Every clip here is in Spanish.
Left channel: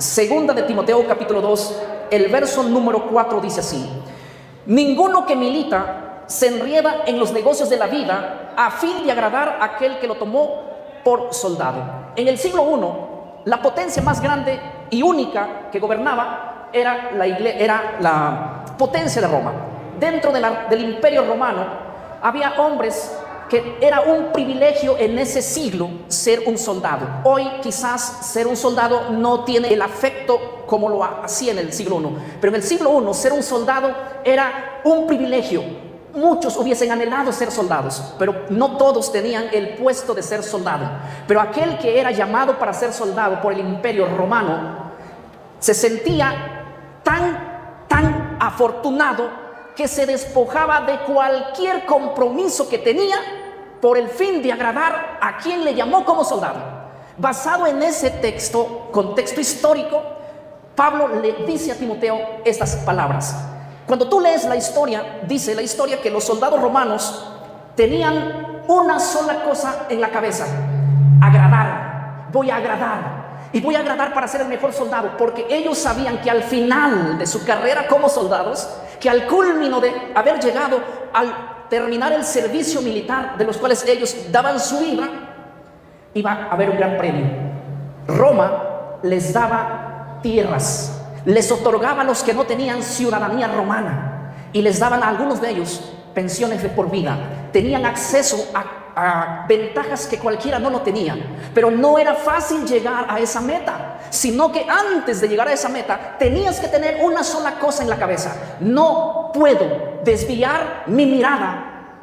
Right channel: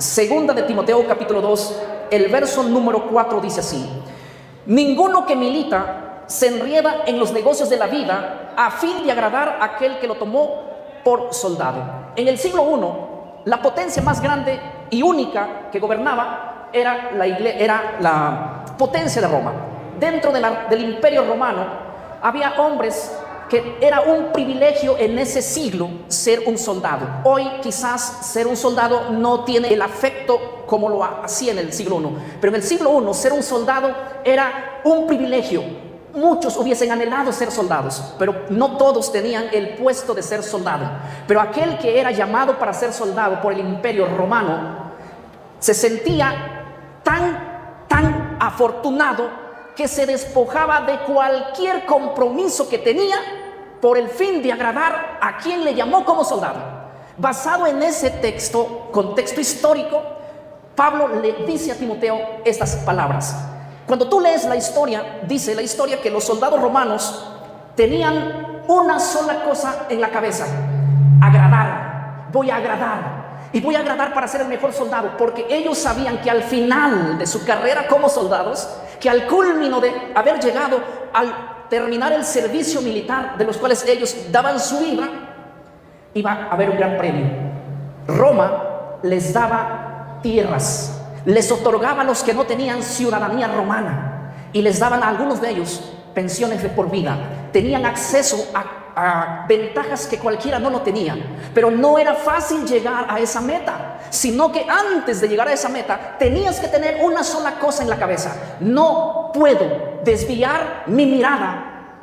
Segunda de Timoteo capítulo 2, el verso número 4 dice así: ninguno que milita se enrieda en los negocios de la vida a fin de agradar a aquel que lo tomó por soldado. En el siglo I, la potencia más grande y única que gobernaba era la potencia de Roma. Dentro del imperio romano había hombres que era un privilegio en ese siglo ser un soldado. Hoy quizás ser un soldado no tiene el afecto como lo hacía en el siglo I, pero en el siglo I ser un soldado era un privilegio. Muchos hubiesen anhelado ser soldados, pero no todos tenían el puesto de ser soldado. Pero aquel que era llamado para ser soldado por el imperio romano se sentía tan afortunado que se despojaba de cualquier compromiso que tenía por el fin de agradar a quien le llamó como soldado. Basado en ese contexto histórico, Pablo le dice a Timoteo estas palabras. Cuando tú lees la historia, dice la historia que los soldados romanos tenían una sola cosa en la cabeza: agradar. Voy a agradar. Y voy a agradar para ser el mejor soldado, porque ellos sabían que al final de su carrera como soldados, que al culmino de haber llegado al terminar el servicio militar, de los cuales ellos daban su vida, iba a haber un gran premio. Roma les daba tierras, les otorgaba a los que no tenían ciudadanía romana, y les daban a algunos de ellos pensiones de por vida. Tenían acceso a ventajas que cualquiera no lo tenía, pero no era fácil llegar a esa meta, sino que antes de llegar a esa meta tenías que tener una sola cosa en la cabeza: no puedo desviar mi mirada,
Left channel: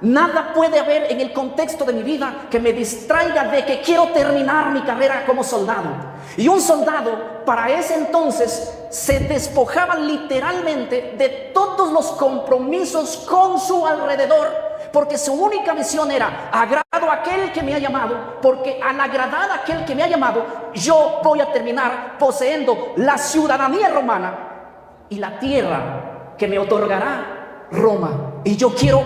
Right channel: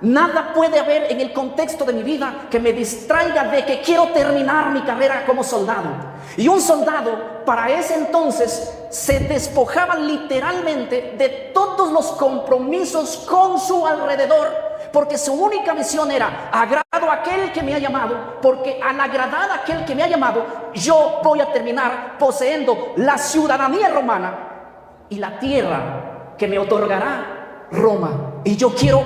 nada puede haber en el contexto de mi vida que me distraiga de que quiero terminar mi carrera como soldado. Y un soldado para ese entonces se despojaba literalmente de todos los compromisos con su alrededor, porque su única misión era: agrado a aquel que me ha llamado, porque al agradar a aquel que me ha llamado, yo voy a terminar poseendo la ciudadanía romana y la tierra que me otorgará Roma. Y yo quiero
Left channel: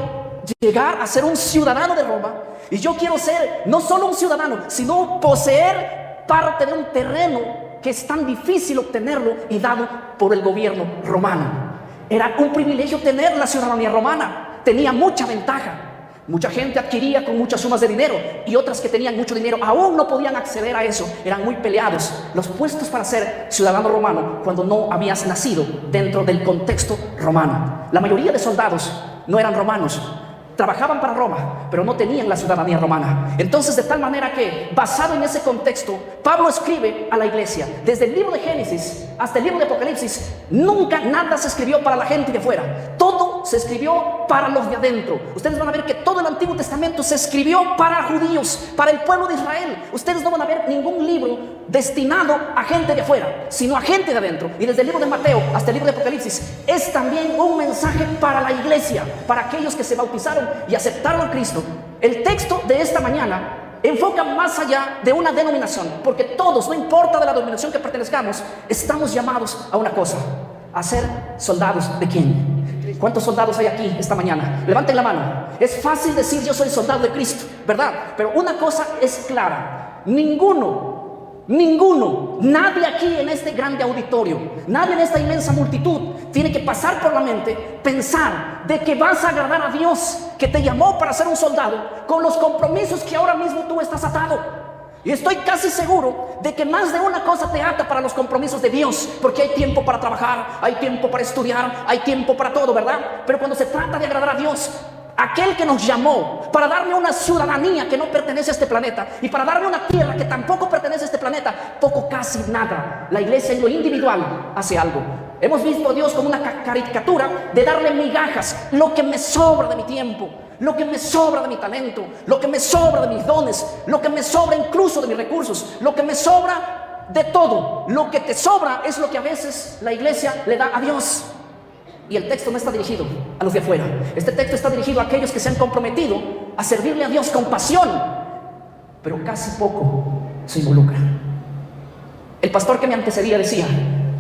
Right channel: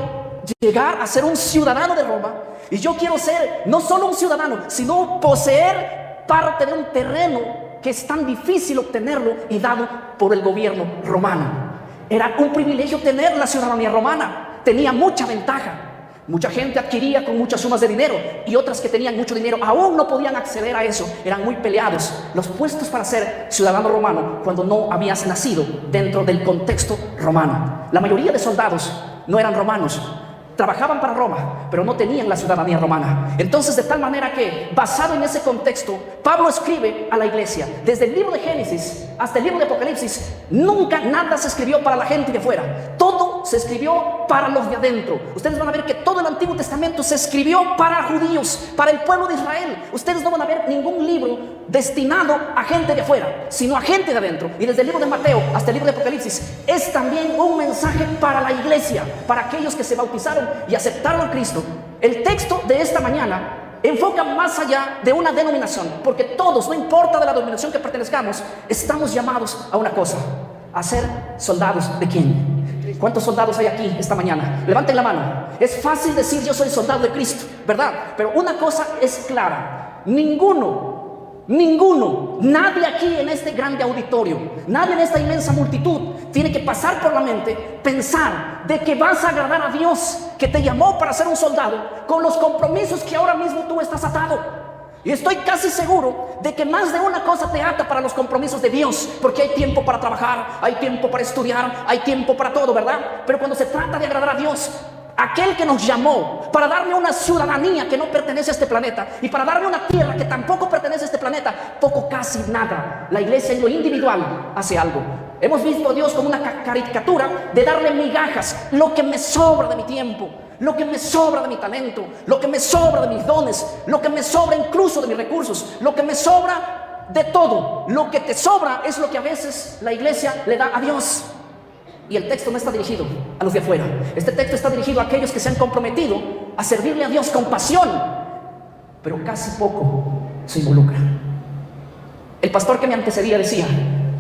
llegar a ser un ciudadano de Roma, y yo quiero ser no solo un ciudadano, sino poseer parte de un terreno que es tan difícil obtenerlo y dado por el gobierno romano. Era un privilegio tener la ciudadanía romana, tenía mucha ventaja. Mucha gente adquiría con muchas sumas de dinero, y otras que tenían mucho dinero aún no podían acceder a eso. Eran muy peleados los puestos para ser ciudadano romano cuando no habías nacido dentro del contexto romano. La mayoría de soldados no eran romanos, trabajaban para Roma, pero no tenían la ciudadanía romana. Entonces, de tal manera que, basado en ese contexto, Pablo escribe a la iglesia. Desde el libro de Génesis hasta el libro de Apocalipsis, nunca nada se escribió para la gente de afuera. Todo se escribió para los de adentro. Ustedes van a ver que todo el Antiguo Testamento se escribió para judíos, para el pueblo de Israel. Ustedes no van a ver ningún libro destinado a gente de afuera, sino a gente de adentro. Y desde el libro de Mateo hasta el libro de Apocalipsis es también un mensaje para la iglesia, para aquellos que se bautizaron y aceptaron a Cristo. El texto de esta mañana enfoca más allá de una denominación, porque todos, no importa de la denominación que pertenezcamos, estamos llamados a una cosa: a ser soldados de ¿quién? ¿Cuántos soldados hay aquí esta mañana? Levanten la mano. Es fácil decir yo soy soldado de Cristo, ¿verdad? Pero una cosa es clara: ninguno, nadie aquí en este grande auditorio, nadie en esta inmensa multitud tiene que pasar por la mente pensar de que vas a agradar a Dios, que te llamó para ser un soldado, con los compromisos que ahora mismo tú estás atado. Y estoy casi seguro de que más de una cosa te ata para los compromisos de Dios, porque hay tiempo para trabajar, hay tiempo para estudiar, hay tiempo para todo, ¿verdad? Pero cuando se trata de agradar a Dios, aquel que nos llamó para darme una ciudadanía que no pertenece a este planeta, y para darme una tierra que tampoco pertenece a este planeta, poco, casi nada, la iglesia en lo individual hace algo. Hemos visto a Dios como una caricatura de darle migajas, lo que me sobra de mi tiempo, lo que me sobra de mi talento, lo que me sobra de mis dones, lo que me sobra incluso de mis recursos, lo que me sobra de todo. Lo que te sobra es lo que a veces la iglesia le da a Dios. Y el texto no está dirigido a los de afuera. Este texto está dirigido a aquellos que se han comprometido a servirle a Dios con pasión, pero casi poco se involucra. El pastor que me antecedía decía:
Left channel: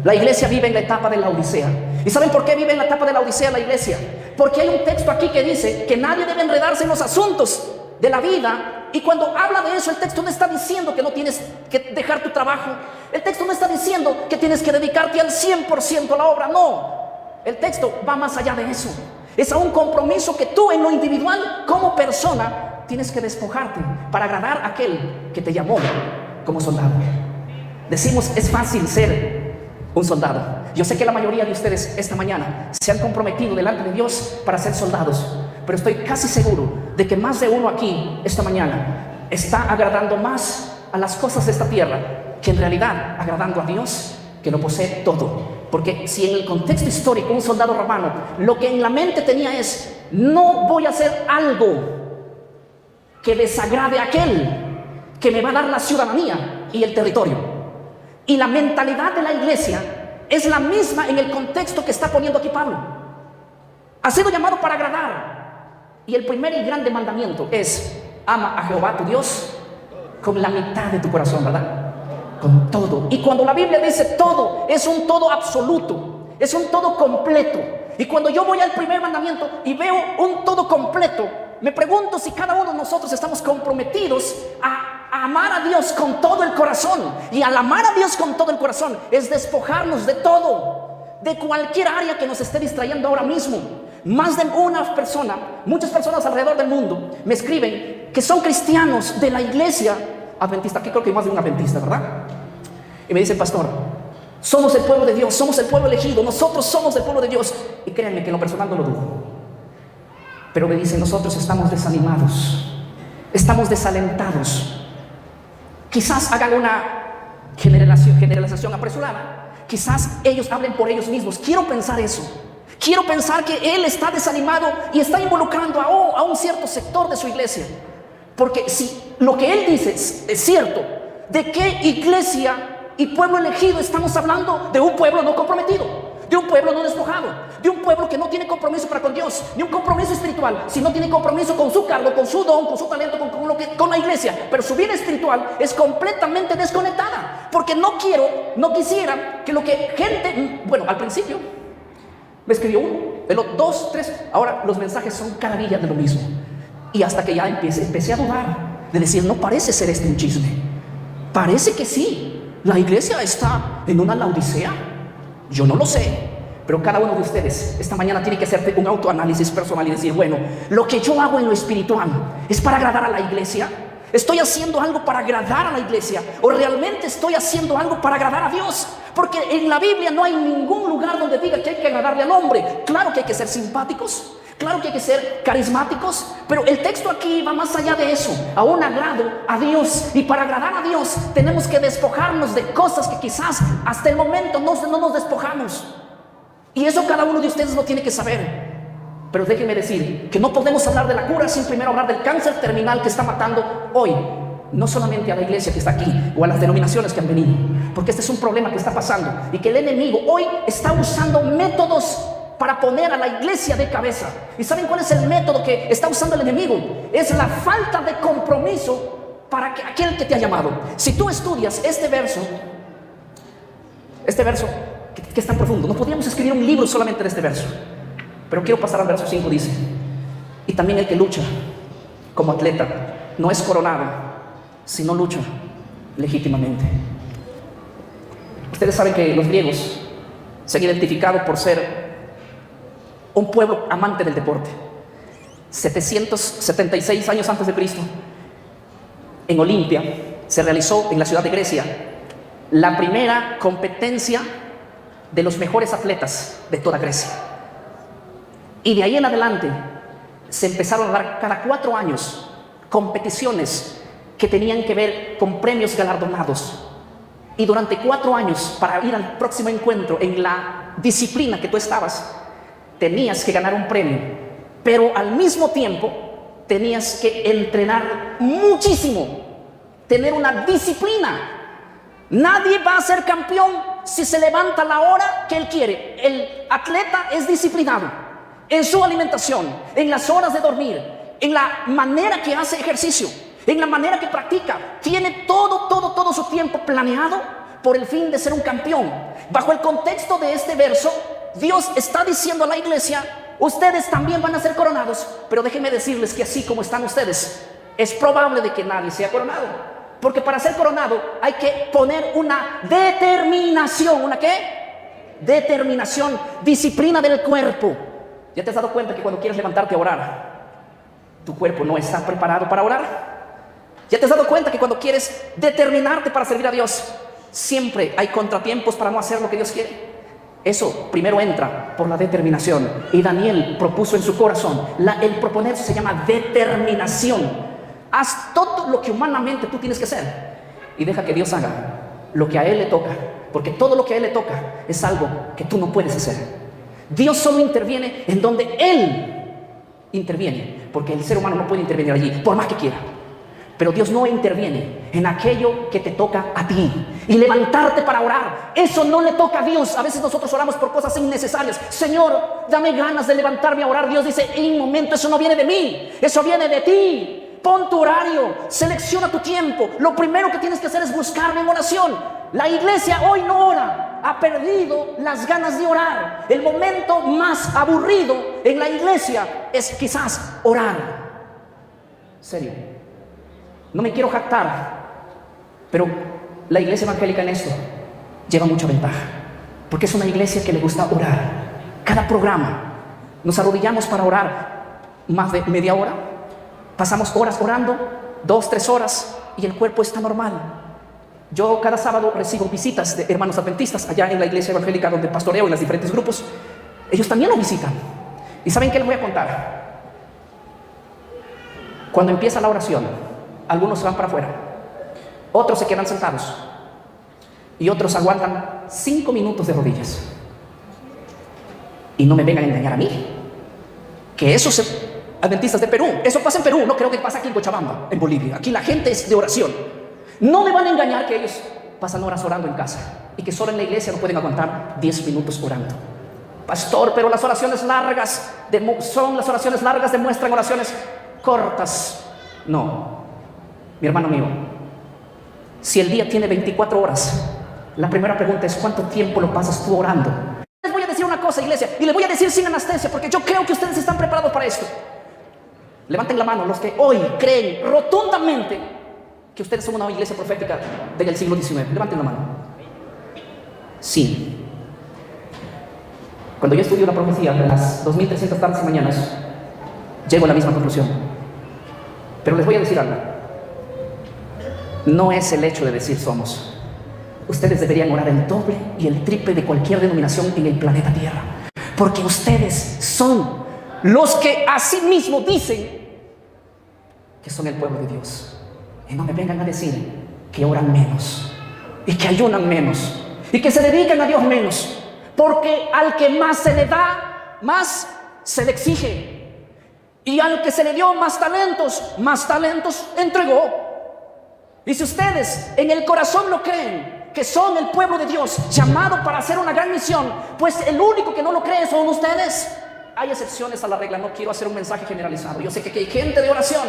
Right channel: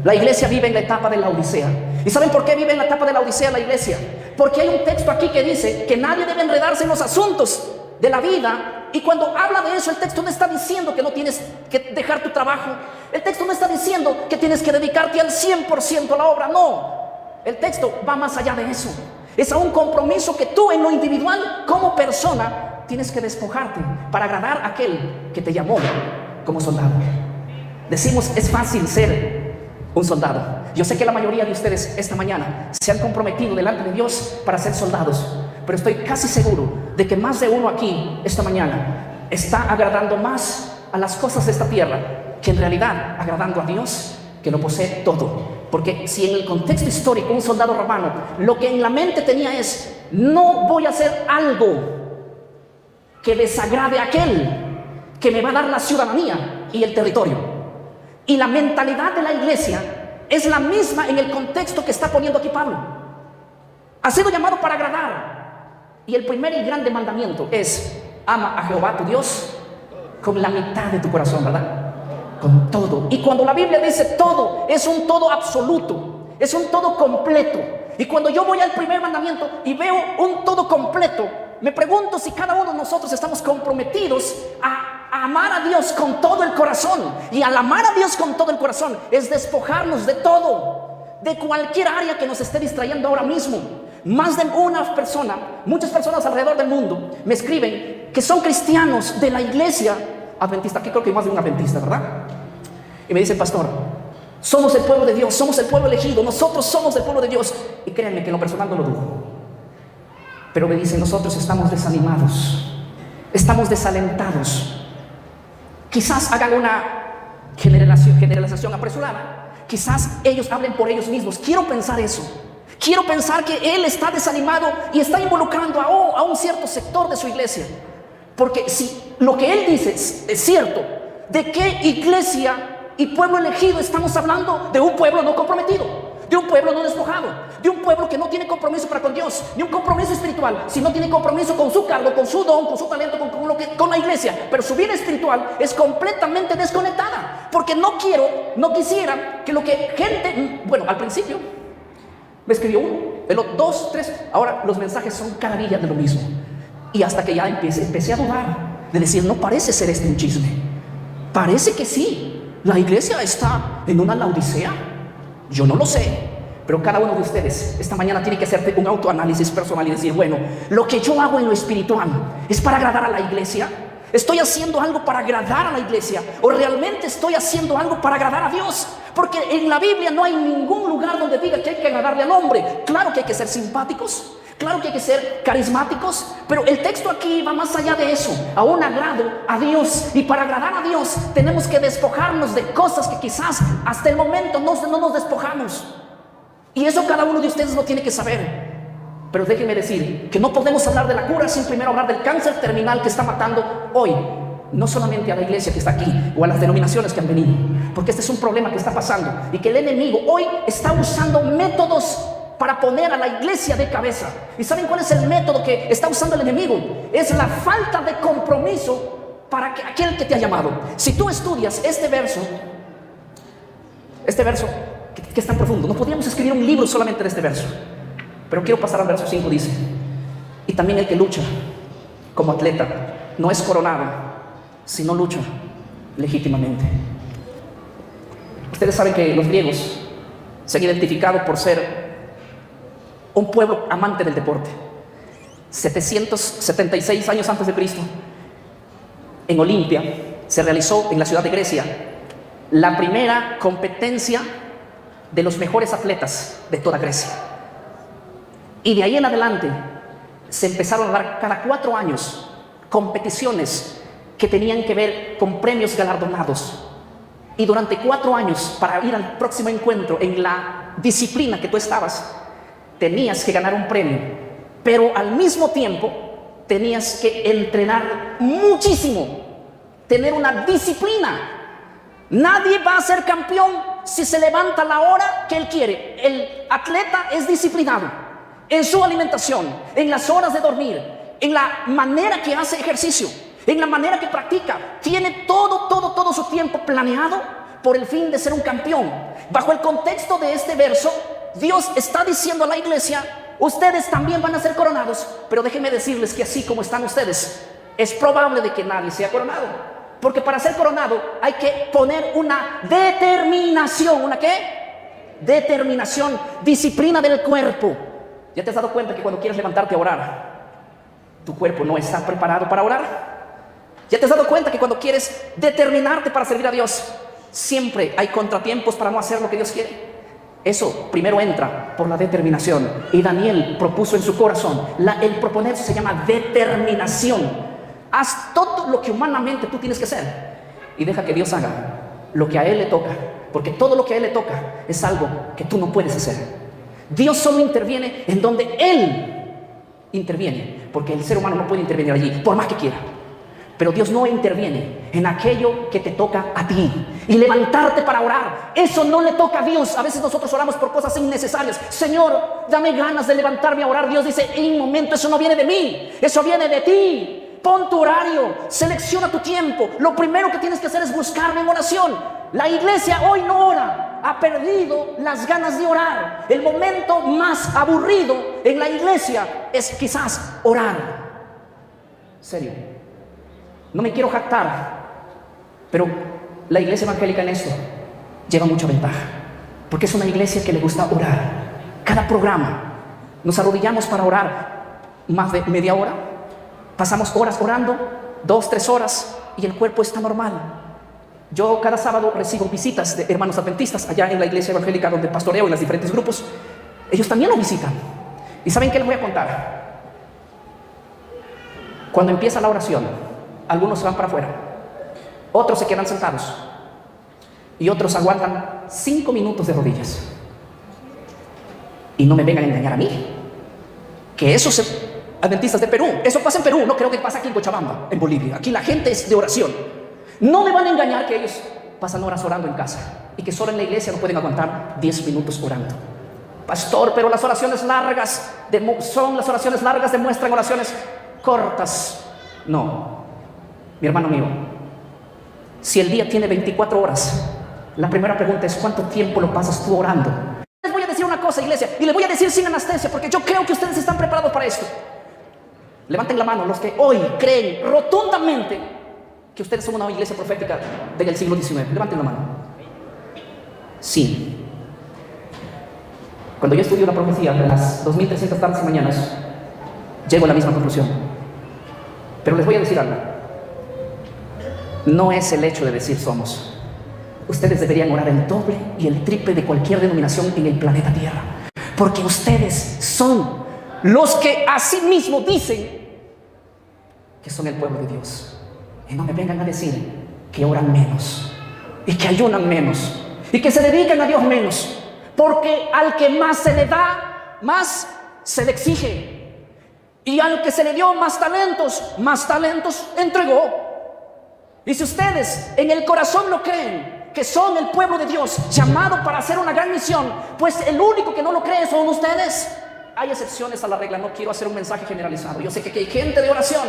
la iglesia vive en la etapa de la Odisea. ¿Y saben por qué vive en la etapa de la Odisea la iglesia? Porque hay un texto aquí que dice que nadie debe enredarse en los asuntos de la vida Y cuando habla de eso, el texto no está diciendo que no tienes que dejar tu trabajo. El texto no está diciendo que tienes que dedicarte al 100% a la obra. No, el texto va más allá de eso. Es a un compromiso que tú en lo individual, como persona, tienes que despojarte para agradar a aquel que te llamó como soldado. Decimos, es fácil ser un soldado. Yo sé que la mayoría de ustedes esta mañana se han comprometido delante de Dios para ser soldados, pero estoy casi seguro de que más de uno aquí esta mañana está agradando más a las cosas de esta tierra que en realidad agradando a Dios, que lo posee todo. Porque si en el contexto histórico un soldado romano lo que en la mente tenía es: no voy a hacer algo que desagrade a aquel que me va a dar la ciudadanía y el territorio. Y la mentalidad de la iglesia es la misma en el contexto que está poniendo aquí Pablo. Ha sido llamado para agradar. Y el primer y grande mandamiento es: ama a Jehová tu Dios con la mitad de tu corazón, ¿verdad? Con todo. Y cuando la Biblia dice todo, es un todo absoluto, es un todo completo. Y cuando yo voy al primer mandamiento y veo un todo completo, me pregunto si cada uno de nosotros estamos comprometidos a amar a Dios con todo el corazón. Y al amar a Dios con todo el corazón es despojarnos de todo, de cualquier área que nos esté distrayendo ahora mismo. Más de una persona, muchas personas alrededor del mundo me escriben que son cristianos de la iglesia adventista. Aquí creo que hay más de un adventista, ¿verdad? Y me dicen: pastor, somos el pueblo de Dios, somos el pueblo elegido, nosotros somos el pueblo de Dios. Y créanme que en lo personal no lo dudo. Pero me dicen: nosotros estamos desanimados, estamos desalentados. Quizás hagan una generalización apresurada. Quizás ellos hablen por ellos mismos. Quiero pensar eso. Quiero pensar que él está desanimado y está involucrando a un cierto sector de su iglesia. Porque si lo que él dice es cierto, ¿de qué iglesia y pueblo elegido estamos hablando? De un pueblo no comprometido, de un pueblo no despojado, de un pueblo que no tiene compromiso para con Dios, ni un compromiso espiritual, si no tiene compromiso con su cargo, con su don, con su talento, con la iglesia. Pero su vida espiritual es completamente desconectada, porque no quisiera que lo que gente, bueno, al principio me escribió uno, de los dos, tres, ahora los mensajes son cada día de lo mismo. Y hasta que ya empecé a dudar, de decir: no parece ser este un chisme. Parece que sí, la iglesia está en una laodicea. Yo no lo sé, pero cada uno de ustedes esta mañana tiene que hacer un autoanálisis personal y decir: bueno, lo que yo hago en lo espiritual es para agradar a la iglesia. ¿Estoy haciendo algo para agradar a la iglesia? ¿O realmente estoy haciendo algo para agradar a Dios? Porque en la Biblia no hay ningún lugar donde diga que hay que agradarle al hombre. Claro que hay que ser simpáticos, claro que hay que ser carismáticos, pero el texto aquí va más allá de eso, a un agrado a Dios. Y para agradar a Dios tenemos que despojarnos de cosas que quizás hasta el momento no nos despojamos. Y eso cada uno de ustedes lo tiene que saber. Pero déjenme decir que no podemos hablar de la cura sin primero hablar del cáncer terminal que está matando hoy, no solamente a la iglesia que está aquí o a las denominaciones que han venido, porque este es un problema que está pasando y que el enemigo hoy está usando métodos para poner a la iglesia de cabeza. ¿Y saben cuál es el método que está usando el enemigo? Es la falta de compromiso para que aquel que te ha llamado. Si tú estudias este verso que es tan profundo, no podríamos escribir un libro solamente de este verso. Pero quiero pasar al verso 5, dice: y también el que lucha como atleta no es coronado, sino lucha legítimamente. Ustedes saben que los griegos se han identificado por ser un pueblo amante del deporte. 776 años antes de Cristo, en Olimpia, se realizó en la ciudad de Grecia la primera competencia de los mejores atletas de toda Grecia. Y de ahí en adelante se empezaron a dar cada 4 años competiciones que tenían que ver con premios galardonados. Y durante 4 años, para ir al próximo encuentro en la disciplina que tú estabas, tenías que ganar un premio, pero al mismo tiempo tenías que entrenar muchísimo, tener una disciplina. Nadie va a ser campeón si se levanta la hora que él quiere. El atleta es disciplinado en su alimentación, en las horas de dormir, en la manera que hace ejercicio, en la manera que practica. Tiene todo su tiempo planeado por el fin de ser un campeón. Bajo el contexto de este verso, Dios está diciendo a la iglesia: ustedes también van a ser coronados, pero déjenme decirles que así como están ustedes, es probable de que nadie sea coronado. Porque para ser coronado hay que poner una determinación. ¿Una qué? Determinación, disciplina del cuerpo. ¿Ya te has dado cuenta que cuando quieres levantarte a orar, tu cuerpo no está preparado para orar? ¿Ya te has dado cuenta que cuando quieres determinarte para servir a Dios, siempre hay contratiempos para no hacer lo que Dios quiere? Eso primero entra por la determinación. Y Daniel propuso en su corazón, el proponerse se llama determinación. Haz todo lo que humanamente tú tienes que hacer y deja que Dios haga lo que a Él le toca, porque todo lo que a Él le toca es algo que tú no puedes hacer. Dios solo interviene en donde Él interviene, porque el ser humano no puede intervenir allí, por más que quiera. Pero Dios no interviene en aquello que te toca a ti. Y levantarte para orar, eso no le toca a Dios. A veces nosotros oramos por cosas innecesarias. Señor, dame ganas de levantarme a orar. Dios dice, en un momento, eso no viene de mí, eso viene de ti. Pon tu horario, selecciona tu tiempo. Lo primero que tienes que hacer es buscarme en oración. La iglesia hoy no ora, ha perdido las ganas de orar. El momento más aburrido en la iglesia es quizás orar. Serio. No me quiero jactar, pero la iglesia evangélica en esto lleva mucha ventaja, porque es una iglesia que le gusta orar. Cada programa nos arrodillamos para orar más de media hora. Pasamos horas orando, 2, 3 horas, y el cuerpo está normal. Yo cada sábado recibo visitas de hermanos adventistas allá en la iglesia evangélica donde pastoreo en los diferentes grupos. Ellos también lo visitan. ¿Y saben qué les voy a contar? Cuando empieza la oración, algunos se van para afuera, otros se quedan sentados y otros aguantan 5 minutos de rodillas. Y no me vengan a engañar a mí, que esos adventistas de Perú, eso pasa en Perú, no creo que pase aquí en Cochabamba, en Bolivia. Aquí la gente es de oración. No me van a engañar que ellos pasan horas orando en casa y que solo en la iglesia no pueden aguantar 10 minutos orando. Pastor, pero las oraciones largas demuestran oraciones cortas. No, mi hermano mío, si el día tiene 24 horas, la primera pregunta es ¿cuánto tiempo lo pasas tú orando? Les voy a decir una cosa, iglesia, y les voy a decir sin anestesia, porque yo creo que ustedes están preparados para esto. Levanten la mano los que hoy creen rotundamente que ustedes son una iglesia profética. Levanten la mano. Sí. Cuando yo estudio la profecía de las 2300 tardes y mañanas, llego a la misma conclusión. Pero les voy a decir algo. No es el hecho de decir somos. Ustedes deberían orar el doble y el triple de cualquier denominación en el planeta Tierra. Porque ustedes son los que asimismo dicen que son el pueblo de Dios. Y no me vengan a decir que oran menos y que ayunan menos y que se dediquen a Dios menos. Porque al que más se le da, más se le exige. Y al que se le dio más talentos entregó. Y si ustedes en el corazón lo creen, que son el pueblo de Dios, llamado para hacer una gran misión, pues el único que no lo cree son ustedes. Hay excepciones a la regla, no quiero hacer un mensaje generalizado. Yo sé que hay gente de oración,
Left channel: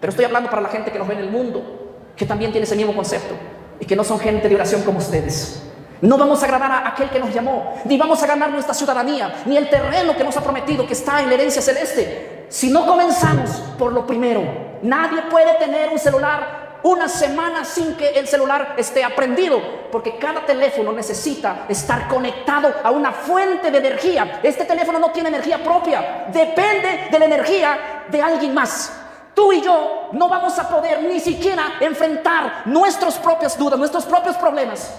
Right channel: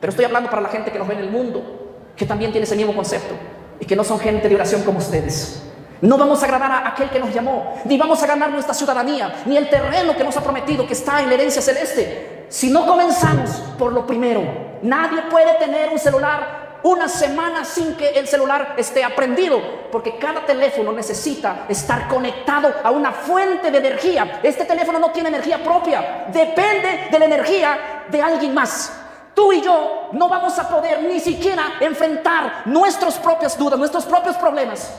pero estoy hablando para la gente que nos ve en el mundo, que también tiene ese mismo concepto, y que no son gente de oración como ustedes. No vamos a agradar a aquel que nos llamó, ni vamos a ganar nuestra ciudadanía, ni el terreno que nos ha prometido que está en la herencia celeste. Si no comenzamos por lo primero, nadie puede tener un celular una semana sin que el celular esté prendido, porque cada teléfono necesita estar conectado a una fuente de energía. Este teléfono no tiene energía propia, depende de la energía de alguien más. Tú y yo no vamos a poder ni siquiera enfrentar nuestras propias dudas, nuestros propios problemas,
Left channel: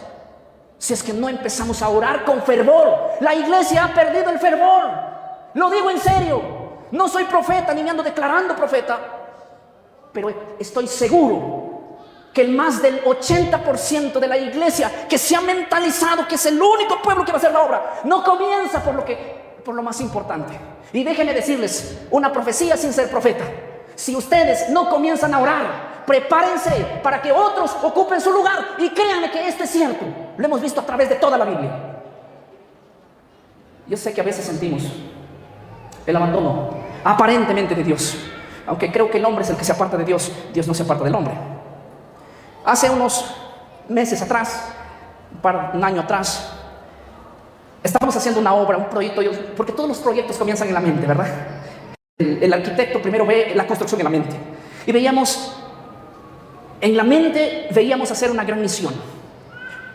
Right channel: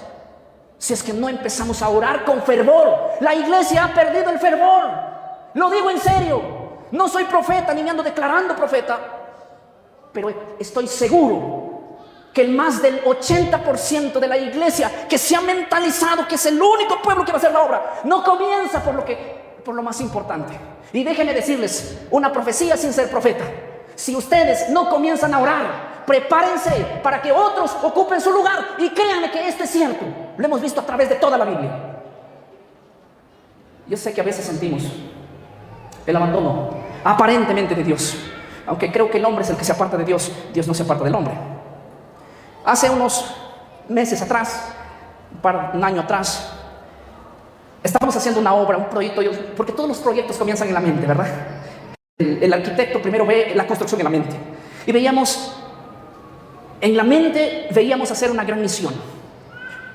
si es que no empezamos a orar con fervor. La iglesia ha perdido el fervor. Lo digo en serio. No soy profeta ni me ando declarando profeta, pero estoy seguro que más del 80% de la iglesia que se ha mentalizado que es el único pueblo que va a hacer la obra, no comienza por lo más importante. Y déjenme decirles una profecía sin ser profeta. Si ustedes no comienzan a orar, prepárense para que otros ocupen su lugar. Y créanme que esto es cierto. Lo hemos visto a través de toda la Biblia. Yo sé que a veces sentimos el abandono aparentemente de Dios, aunque creo que el hombre es el que se aparta de Dios. Dios no se aparta del hombre. Hace unos meses atrás, un año atrás, estábamos haciendo un proyecto, porque todos los proyectos comienzan en la mente, ¿verdad? El arquitecto primero ve la construcción de la mente y veía predicación,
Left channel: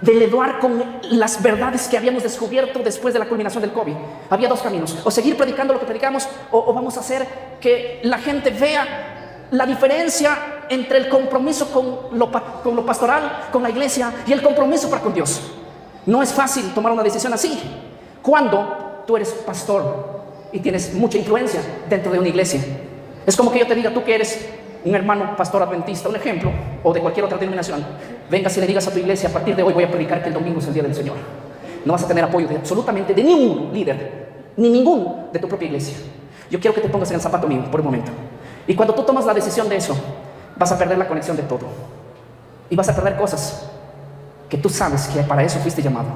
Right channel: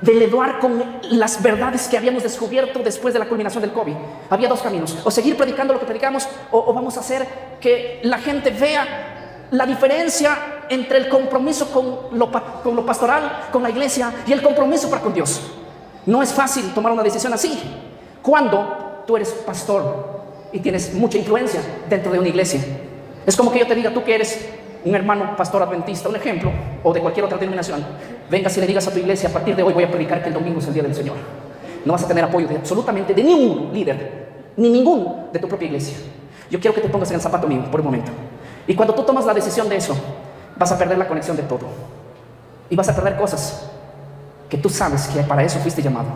de educar con las verdades que habíamos descubierto después de la culminación del COVID. Había dos caminos: o seguir predicando lo que predicamos, o vamos a hacer que la gente vea la diferencia entre el compromiso con lo pastoral, con la iglesia, y el compromiso para con Dios. No es fácil tomar una decisión así cuando tú eres pastor y tienes mucha influencia dentro de una iglesia. Es como que yo te diga, tú que eres un hermano pastor adventista, un ejemplo, o de cualquier otra denominación, vengas y le digas a tu iglesia: a partir de hoy voy a predicar que el domingo es el día del Señor. No vas a tener apoyo de absolutamente de ningún líder, ni ningún de tu propia iglesia. Yo quiero que te pongas en el zapato mío por un momento. Y cuando tú tomas la decisión de eso, vas a perder la conexión de todo. Y vas a perder cosas que tú sabes que para eso fuiste llamado.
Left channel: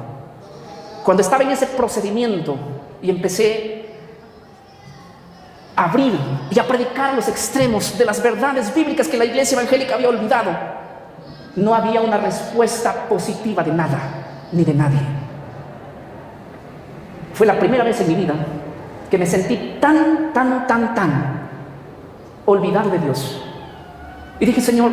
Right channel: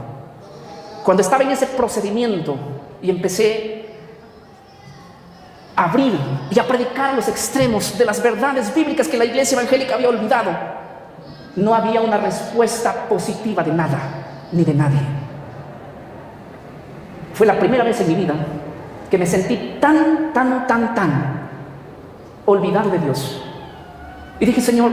Cuando estaba en ese procedimiento y empecé a abrir y a predicar los extremos de las verdades bíblicas que la iglesia evangélica había olvidado, no había una respuesta positiva de nada, ni de nadie. Fue la primera vez en mi vida que me sentí tan olvidado de Dios. Y dije: Señor,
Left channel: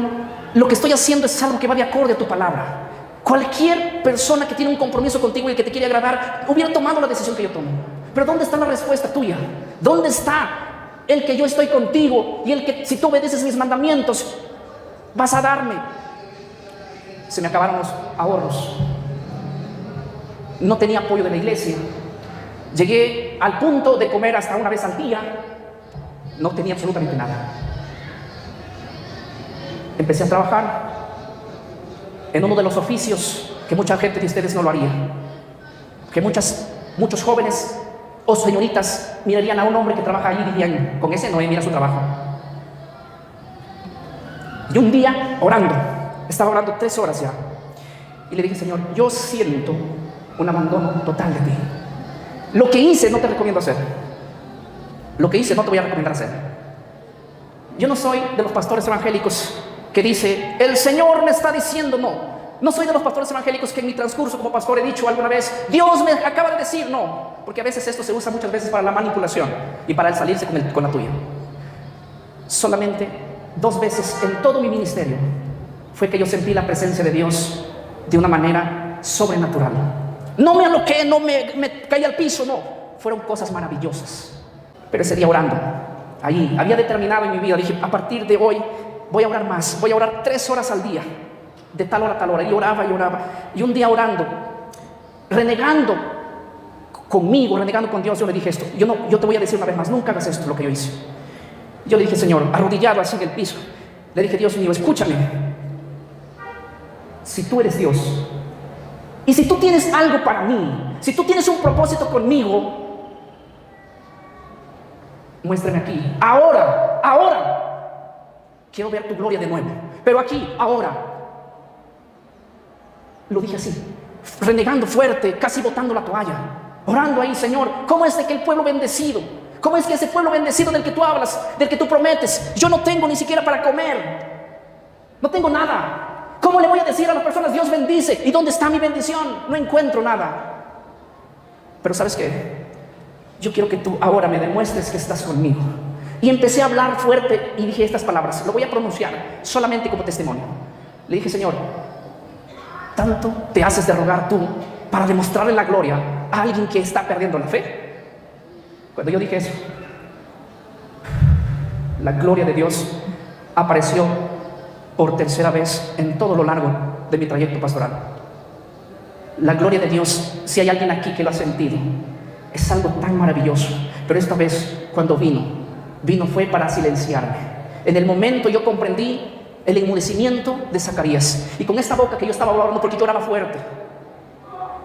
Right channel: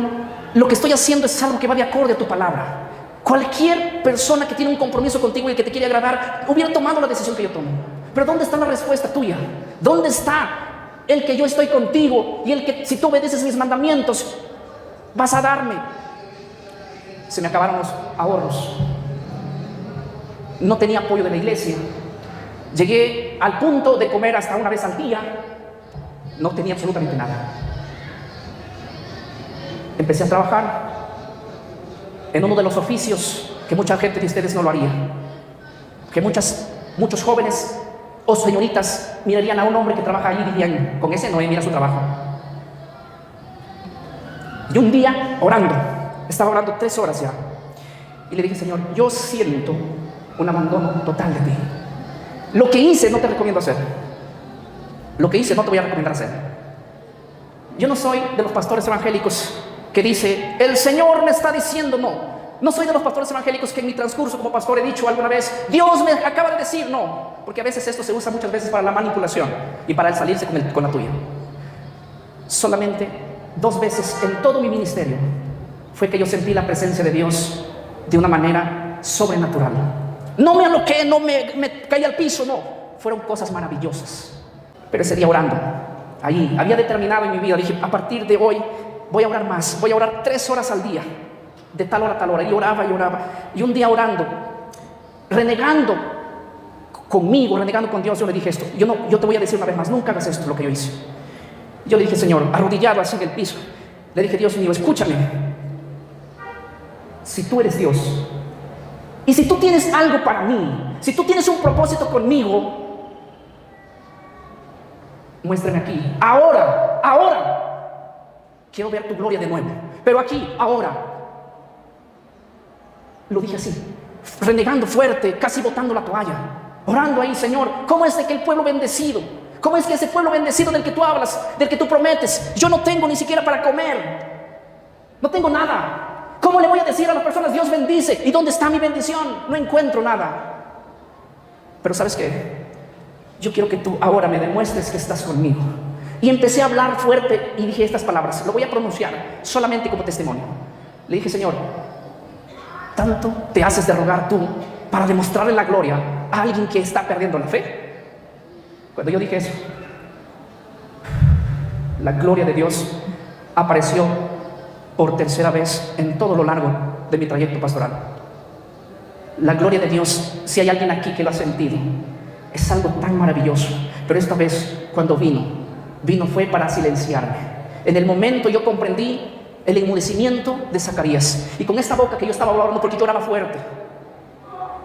lo que estoy haciendo es algo que va de acorde a tu palabra. Cualquier persona que tiene un compromiso contigo y que te quiere agradar hubiera tomado la decisión que yo tomo. Pero ¿dónde está la respuesta tuya? ¿Dónde está el que yo estoy contigo y el que, si tú obedeces mis mandamientos, vas a darme? Se me acabaron los ahorros. No tenía apoyo de la iglesia. Llegué al punto de comer hasta una vez al día. No tenía absolutamente nada. Empecé a trabajar en uno de los oficios que mucha gente de ustedes no lo haría, que muchos jóvenes o señoritas mirarían a un hombre que trabaja allí y dirían: con ese no mira su trabajo. Y un día estaba orando 3 horas ya, y le dije: Señor, yo siento un abandono total de ti. Lo que hice no te recomiendo hacer. Lo que hice no te voy a recomendar hacer. Yo no soy de los pastores evangélicos que dice: el Señor me está diciendo. No soy de los pastores evangélicos que en mi transcurso como pastor he dicho alguna vez: Dios me acaba de decir. No, porque a veces esto se usa muchas veces para la manipulación y para el salirse con la tuya. Solamente 2 veces en todo mi ministerio fue que yo sentí la presencia de Dios de una manera sobrenatural. No me aloqué, no me caí al piso, no. Fueron cosas maravillosas. Pero ese día orando, ahí había determinado en mi vida, dije: a partir de hoy voy a orar más, voy a orar 3 horas al día, de tal hora a tal hora. Y oraba. Y un día orando, renegando conmigo, renegando con Dios, yo le dije esto: yo te voy a decir una vez más, nunca hagas esto lo que yo hice. Yo le dije: Señor, arrodillado así en el piso, le dije: Dios mío, escúchame. Si tú eres Dios, y si tú tienes algo para mí, si tú tienes un propósito conmigo, muéstrame aquí, ahora. Quiero ver tu gloria de nuevo, pero aquí, ahora. Lo dije así, renegando fuerte, casi botando la toalla, orando ahí: Señor, ¿cómo es de que el pueblo bendecido? ¿Cómo es que ese pueblo bendecido del que tú hablas, del que tú prometes, yo no tengo ni siquiera para comer? No tengo nada. ¿Cómo le voy a decir a las personas: Dios bendice? ¿Y dónde está mi bendición? No encuentro nada. Pero ¿sabes qué? Yo quiero que tú ahora me demuestres que estás conmigo. Y empecé a hablar fuerte y dije estas palabras, lo voy a pronunciar solamente como testimonio. Le dije: Señor, tanto te haces de rogar tú para demostrarle la gloria a alguien que está perdiendo la fe. Cuando yo dije eso, la gloria de Dios apareció por 3.ª vez en todo lo largo de mi trayecto pastoral. La gloria de Dios, si hay alguien aquí que lo ha sentido, es algo tan maravilloso. Pero esta vez, cuando vino fue para silenciarme. En el momento yo comprendí el enmudecimiento de Zacarías. Y con esta boca que yo estaba hablando, porque yo oraba fuerte,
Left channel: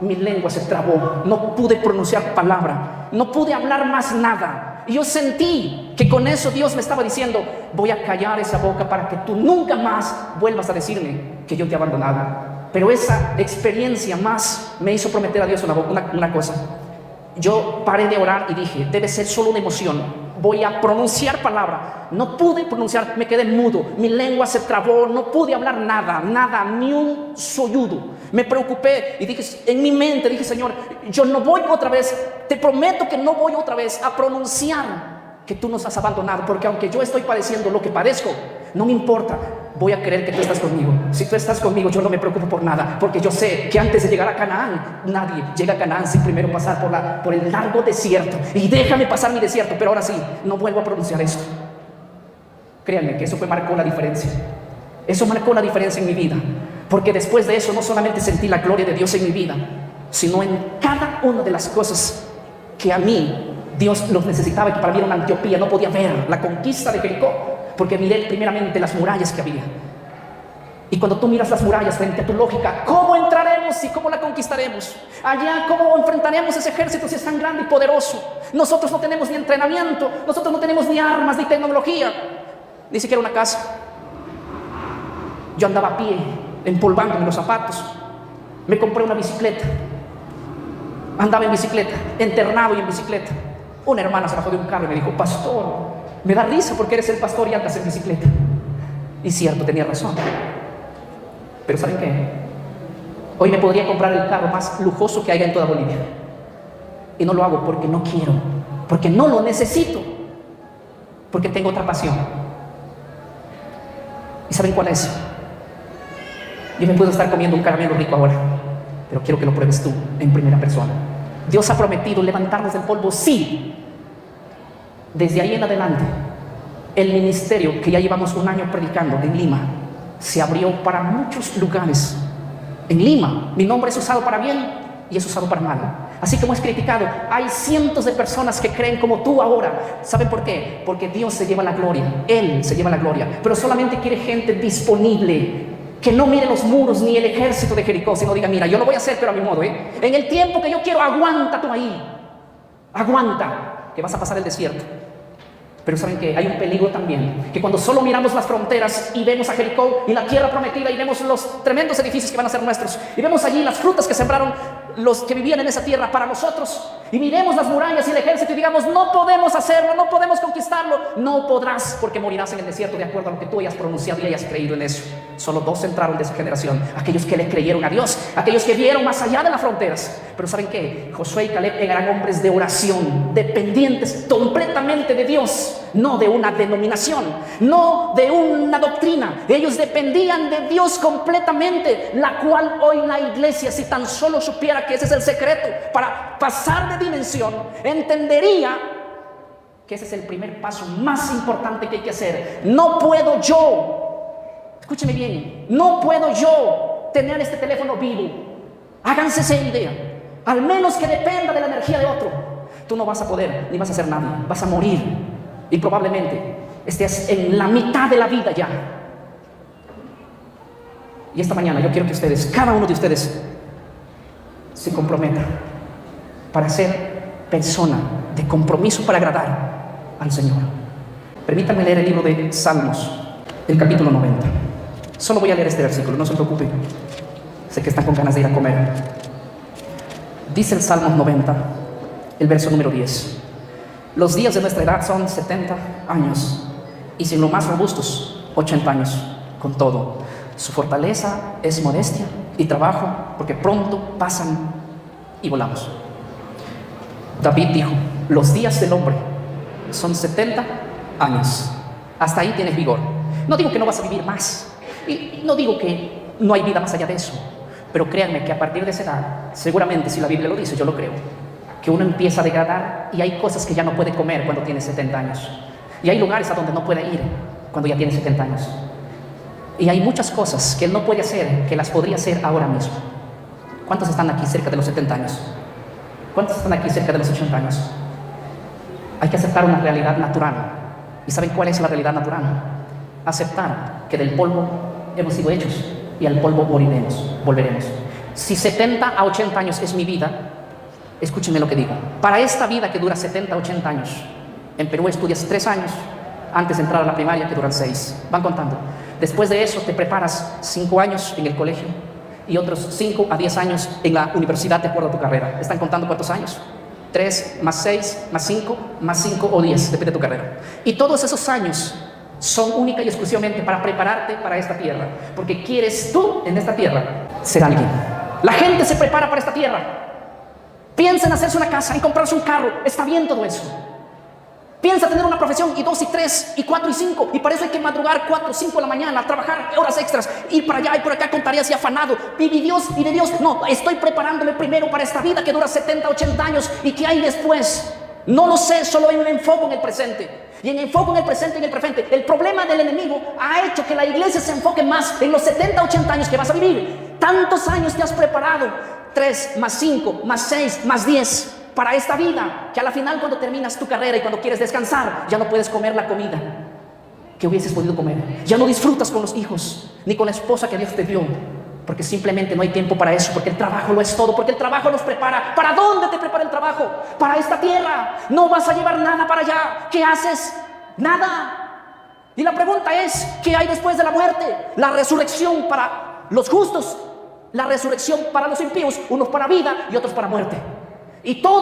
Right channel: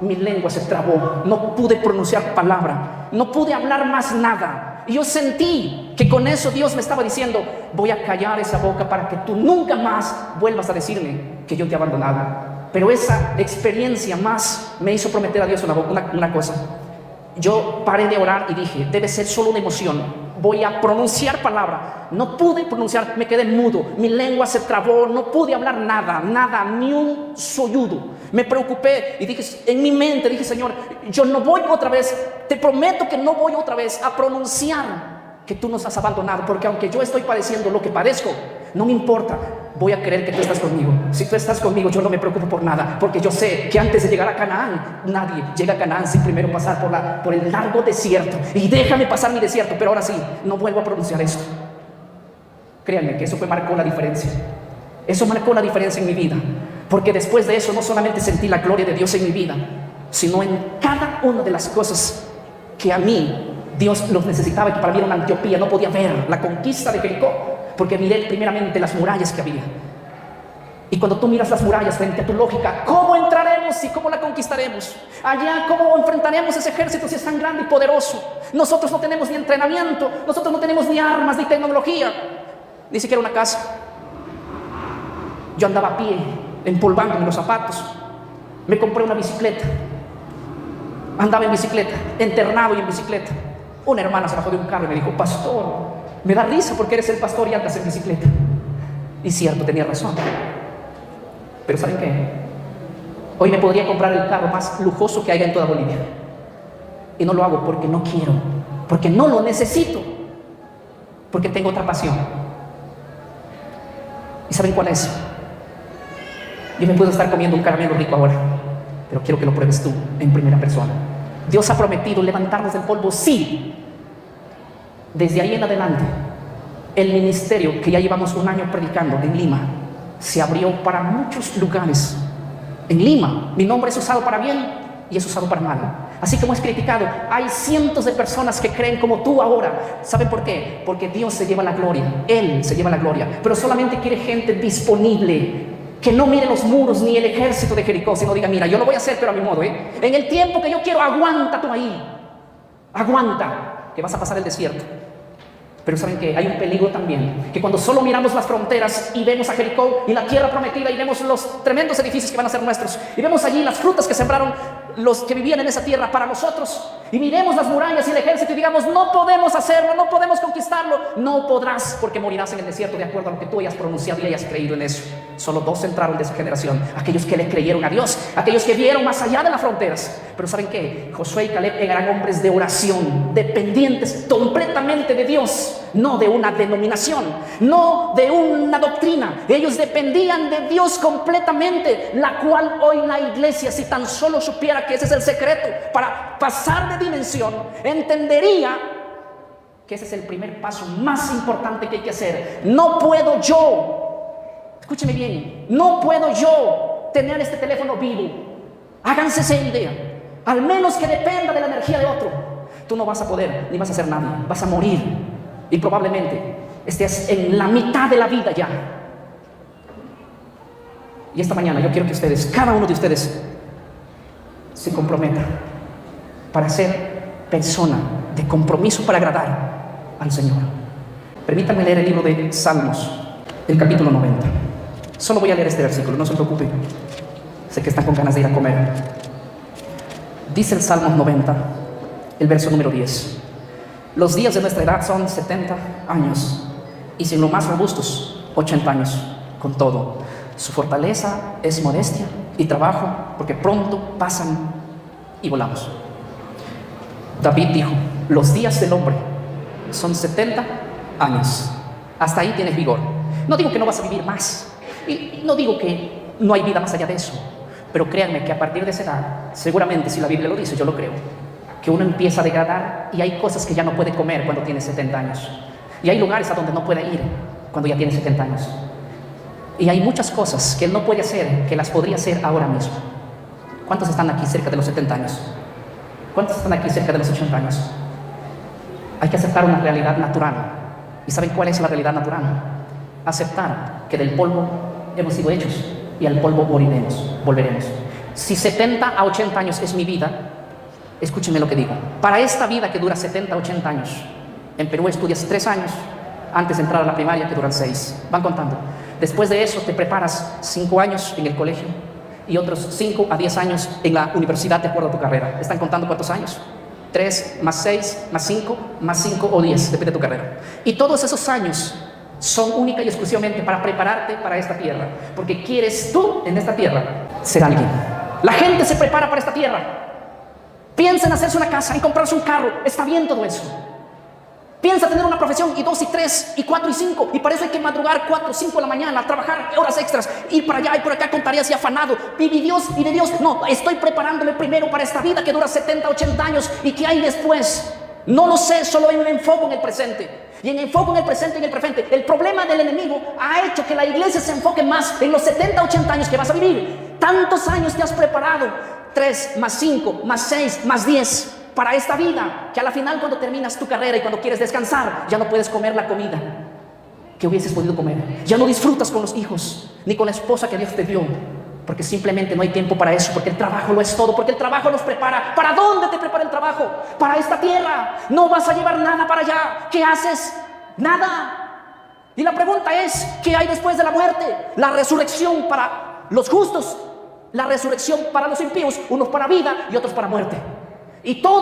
mi lengua se trabó. No pude pronunciar palabra, no pude hablar más nada. Y yo sentí que con eso Dios me estaba diciendo: voy a callar esa boca para que tú nunca más vuelvas a decirme que yo te he abandonado. Pero esa experiencia más me hizo prometer a Dios una cosa. Yo paré de orar y dije: debe ser solo una emoción, voy a pronunciar palabra. No pude pronunciar, me quedé mudo, mi lengua se trabó, no pude hablar nada, ni un solludo. Me preocupé y dije, en mi mente dije: Señor, yo no voy otra vez, te prometo que no voy otra vez a pronunciar que tú nos has abandonado, porque aunque yo estoy padeciendo lo que padezco, no me importa. voy a creer que tú estás conmigo. Si tú estás conmigo, yo no me preocupo por nada, porque yo sé que antes de llegar a Canaán, nadie llega a Canaán sin primero pasar por el largo desierto. Y déjame pasar mi desierto, pero ahora sí, no vuelvo a pronunciar esto. Créanme que eso marcó la diferencia. Eso marcó la diferencia en mi vida, porque después de eso no solamente sentí la gloria de Dios en mi vida, sino en cada una de las cosas que a mí Dios los necesitaba, y que para mí era una Antioquía. No podía ver la conquista de Jericó, porque miré primeramente las murallas que había. Y cuando tú miras las murallas frente a tu lógica, ¿cómo entraremos y cómo la conquistaremos? Allá, ¿cómo enfrentaremos ese ejército si es tan grande y poderoso? Nosotros no tenemos ni entrenamiento, nosotros no tenemos ni armas, ni tecnología, ni siquiera una casa. Yo andaba a pie, empolvando los zapatos. Me compré una bicicleta. Andaba en bicicleta, internado y en bicicleta. Una hermana se bajó de un carro y me dijo: pastor, me da risa porque eres el pastor y andas en bicicleta. Y cierto, tenía razón. Pero ¿saben qué? Hoy me podría comprar el carro más lujoso que haya en toda Bolivia. Y no lo hago porque no quiero, porque no lo necesito, porque tengo otra pasión. ¿Y saben cuál es? Yo me puedo estar comiendo un caramelo rico ahora, pero quiero que lo pruebes tú en primera persona. Dios ha prometido levantarnos del polvo, sí. Desde ahí en adelante, el ministerio que ya llevamos un año predicando en Lima se abrió para muchos lugares. En Lima, mi nombre es usado para bien y es usado para mal. Así como es criticado, hay cientos de personas que creen como tú ahora. ¿Saben por qué? Porque Dios se lleva la gloria. Él se lleva la gloria, pero solamente quiere gente disponible, que no mire los muros ni el ejército de Jericó, sino diga: mira, yo lo voy a hacer, pero a mi modo, en el tiempo que yo quiero. Aguanta tú ahí, aguanta, que vas a pasar el desierto. Pero ¿saben qué? Hay un peligro también, que cuando solo miramos las fronteras y vemos a Jericó y la tierra prometida, y vemos los tremendos edificios que van a ser nuestros, y vemos allí las frutas que sembraron los que vivían en esa tierra para nosotros, y miremos las murallas y el ejército y digamos: no podemos hacerlo, no podemos conquistarlo. No podrás, porque morirás en el desierto de acuerdo a lo que tú hayas pronunciado y hayas creído en eso. Solo dos entraron de su generación: aquellos que le creyeron a Dios, aquellos que vieron más allá de las fronteras. Pero ¿saben qué? Josué y Caleb eran hombres de oración, dependientes completamente de Dios, no de una denominación, no de una doctrina. Ellos dependían de Dios completamente, la cual hoy la iglesia, si tan solo supiera que ese es el secreto para pasar de dimensión, entendería que ese es el primer paso más importante que hay que hacer. No puedo yo, escúcheme bien, no puedo yo tener este teléfono mío. Háganse esa idea. Al menos que dependa de la energía de otro, tú no vas a poder, ni vas a hacer nada, vas a morir. Y probablemente estés en la mitad de la vida ya. Y esta mañana yo quiero que ustedes, cada uno de ustedes, se comprometa para ser persona de compromiso para agradar al Señor. Permítanme leer el libro de Salmos, el capítulo 90. Solo voy a leer este versículo, no se preocupen. Sé que están con ganas de ir a comer. Dice el Salmos 90, el verso número 10. Los días de nuestra edad son 70 años, y si en lo más robustos, 80 años. Con todo, su fortaleza es modestia y trabajo, porque pronto pasan y volamos. David dijo: los días del hombre son 70 años. Hasta ahí tienes vigor. No digo que no vas a vivir más, y no digo que no hay vida más allá de eso, pero créanme que a partir de esa edad, seguramente, si la Biblia lo dice, yo lo creo, que uno empieza a degradar, y hay cosas que ya no puede comer cuando tiene 70 años, y hay lugares a donde no puede ir cuando ya tiene 70 años, y hay muchas cosas que no puede hacer que las podría hacer ahora mismo. ¿Cuántos están aquí cerca de los 70 años? ¿Cuántos están aquí cerca de los 80 años? Hay que aceptar una realidad natural. ¿Y saben cuál es la realidad natural? Aceptar que del polvo hemos sido hechos y al polvo moriremos, volveremos. Si 70 a 80 años es mi vida, escúchenme lo que digo. Para esta vida que dura 70 a 80 años, en Perú estudias 3 años antes de entrar a la primaria, que duran 6. Van contando. Después de eso te preparas 5 años en el colegio y otros 5 a 10 años en la universidad de acuerdo a tu carrera. ¿Están contando cuántos años? 3 más 6 más 5 más 5 o 10, depende de tu carrera. Y todos esos años son única y exclusivamente para prepararte para esta tierra, porque quieres tú en esta tierra ser alguien. La gente se prepara para esta tierra, piensa en hacerse una casa, en comprarse un carro, está bien todo eso, Piensa tener una profesión y 2 y 3 y 4 y 5, y para eso hay que madrugar 4 5 de la mañana, trabajar horas extras, ir para allá y por acá con tareas y afanado. Y de Dios, no, estoy preparándome primero para esta vida que dura 70, 80 años, y que hay después. No lo sé, solo hay un enfoque en el presente. Y en enfoque en el presente y en el presente. El problema del enemigo ha hecho que la iglesia se enfoque más en los 70, 80 años que vas a vivir. Tantos años te has preparado, 3 más 5 más 6 más 10 para esta vida, que a la final, cuando terminas tu carrera y cuando quieres descansar, ya no puedes comer la comida que hubieses podido comer. Ya no disfrutas con los hijos ni con la esposa que Dios te dio, porque simplemente no hay tiempo para eso, porque el trabajo lo es todo, porque el trabajo nos prepara. ¿Para dónde te prepara el trabajo? Para esta tierra. No vas a llevar nada para allá. ¿Qué haces? Nada. Y la pregunta es, ¿qué hay después de la muerte? La resurrección para los justos, la resurrección para los impíos, unos para vida y otros para muerte. Y todo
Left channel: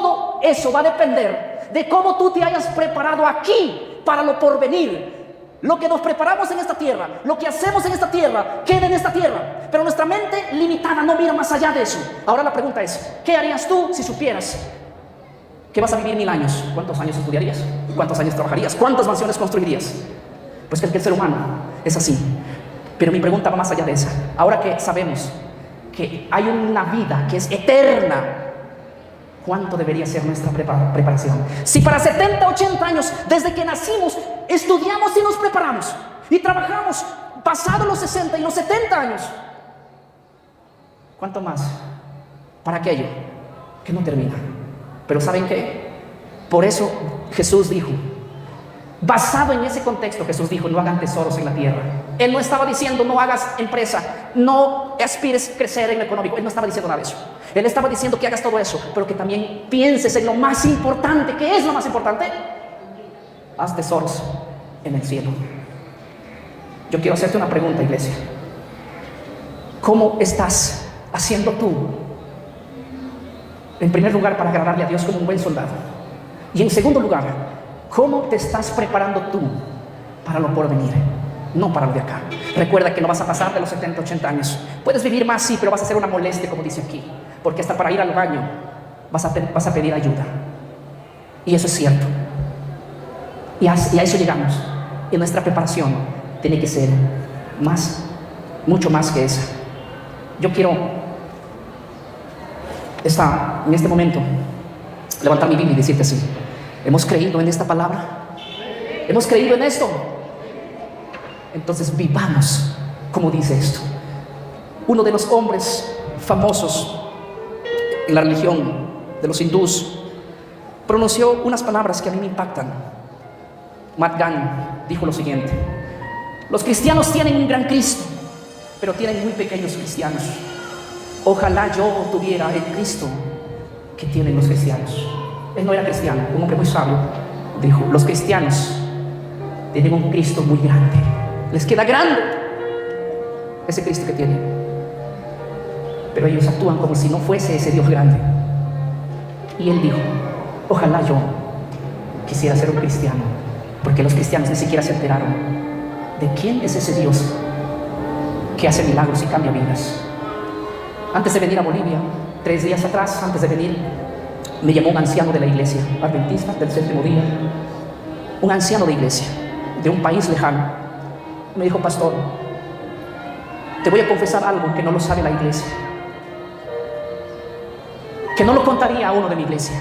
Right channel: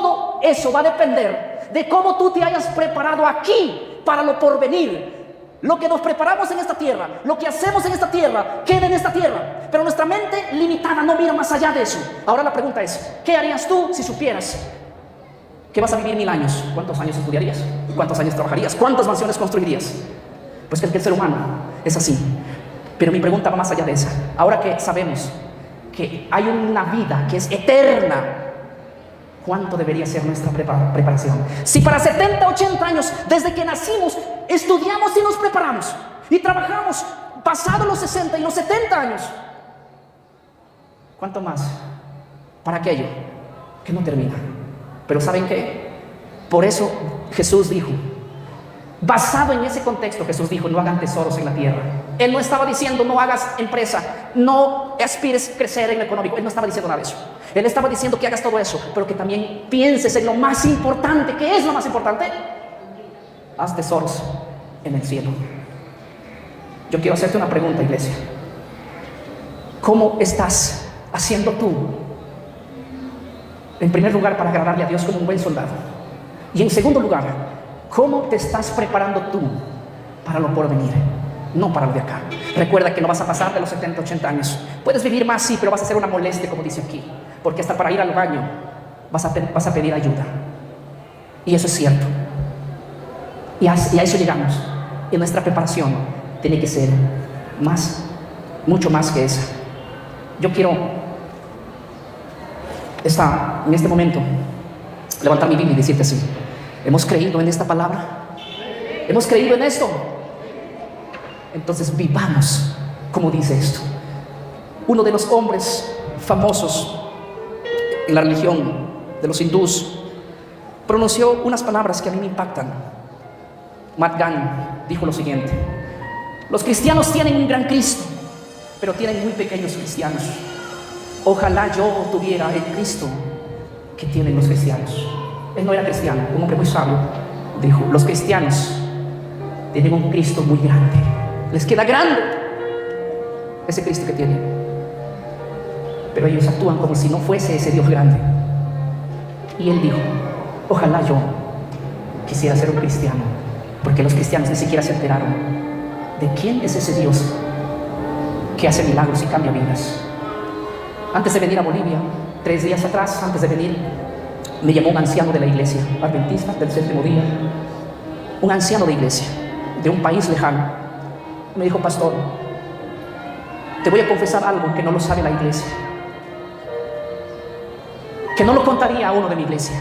eso va a depender de cómo tú te hayas preparado aquí para lo porvenir. Lo que nos preparamos en esta tierra, lo que hacemos en esta tierra, queda en esta tierra. Pero nuestra mente limitada no mira más allá de eso. Ahora la pregunta es, ¿qué harías tú si supieras que vas a vivir 1000 años? ¿Cuántos años estudiarías? ¿Cuántos años trabajarías? ¿Cuántas mansiones construirías? Pues que el ser humano es así. Pero mi pregunta va más allá de esa. Ahora que sabemos que hay una vida que es eterna, ¿cuánto debería ser nuestra preparación? Si para 70, 80 años, desde que nacimos, estudiamos y nos preparamos y trabajamos pasados los 60 y los 70 años, ¿cuánto más para aquello que no termina? Pero ¿saben qué? Por eso Jesús dijo, basado en ese contexto, Jesús dijo, no hagan tesoros en la tierra. Él no estaba diciendo, no hagas empresa, no aspires a crecer en lo económico. Él no estaba diciendo nada de eso. Él estaba diciendo que hagas todo eso, pero que también pienses en lo más importante. ¿Qué es lo más importante? Haz tesoros en el cielo. Yo quiero hacerte una pregunta, iglesia. ¿Cómo estás haciendo tú? En primer lugar, para agradarle a Dios como un buen soldado. Y en segundo lugar, ¿cómo te estás preparando tú para lo porvenir? No para lo de acá. Recuerda que no vas a pasar de los 70, 80 años. Puedes vivir más, sí, pero vas a hacer una molestia, como dice aquí. Porque hasta para ir al baño vas a pedir ayuda. Y eso es cierto. Y a eso llegamos. Y nuestra preparación tiene que ser mucho más que eso. Yo quiero en este momento levantar mi Biblia y decirte así: hemos creído en esta palabra, hemos creído en esto, entonces vivamos como dice esto. Uno de los hombres famosos en la religión de los hindús pronunció unas palabras que a mí me impactan. Mahatma dijo lo siguiente: los cristianos tienen un gran Cristo, pero tienen muy pequeños cristianos. Ojalá yo tuviera el Cristo que tienen los cristianos. Él no era cristiano, un hombre muy sabio. Dijo: los cristianos tienen un Cristo muy grande. Les queda grande ese Cristo que tienen, pero ellos actúan como si no fuese ese Dios grande. Y él dijo: ojalá yo quisiera ser un cristiano, porque los cristianos ni siquiera se enteraron de quién es ese Dios que hace milagros y cambia vidas. Antes de venir a Bolivia, 3 días atrás, antes de venir, me llamó un anciano de la iglesia adventista del 7º día, un anciano de iglesia de un país lejano. Me dijo: pastor, te voy a confesar algo que no lo sabe la iglesia, que no lo contaría a uno de mi iglesia,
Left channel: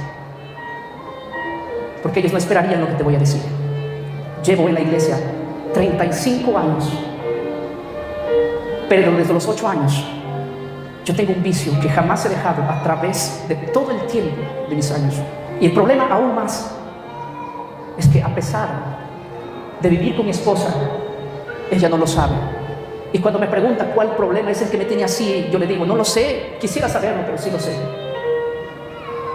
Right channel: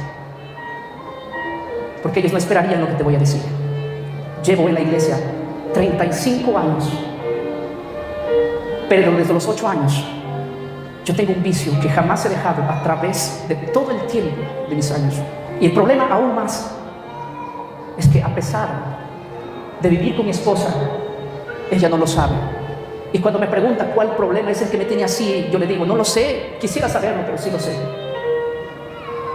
porque ellos no esperarían lo que te voy a decir. Llevo en la iglesia 35 años, pero desde los 8 años yo tengo un vicio que jamás he dejado a través de todo el tiempo de mis años. Y el problema aún más es que, a pesar de vivir con mi esposa, ella no lo sabe. Y cuando me pregunta cuál problema es el que me tiene así, yo le digo: no lo sé, quisiera saberlo, pero sí lo sé.